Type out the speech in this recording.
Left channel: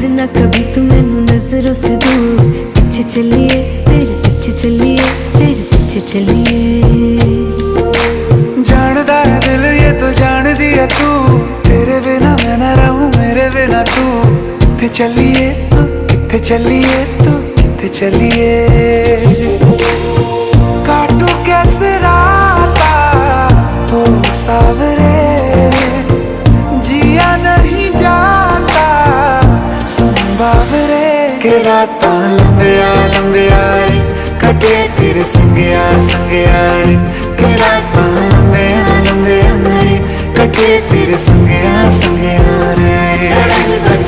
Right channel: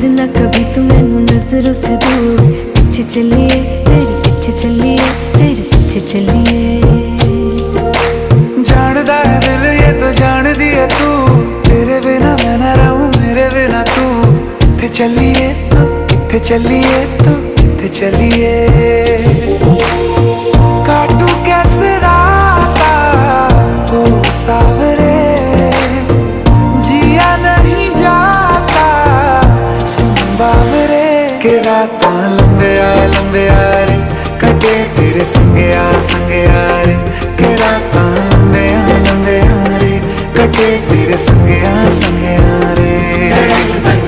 करना कभी तू मैनू नजरों से दूर। पीछे चलिए तेरे पीछे चलिए, तेरे पीछे चलिए। जानदा है दिल ये तो जान दिया तू, तेरे बिना मैं ना रहूं मेरे बिना तू। किथे चलिए तू, किथे चलिए तू, किथे चलिए। काटू कैसे राता हो सावरे, जिया नहीं जाता सुन बावरे। के रातां लंबिया लंबिया रे, कटे तेरे संगया संगया रे। के रातां लंबिया लंबिया रे, कटे तेरे संगया संगया रे।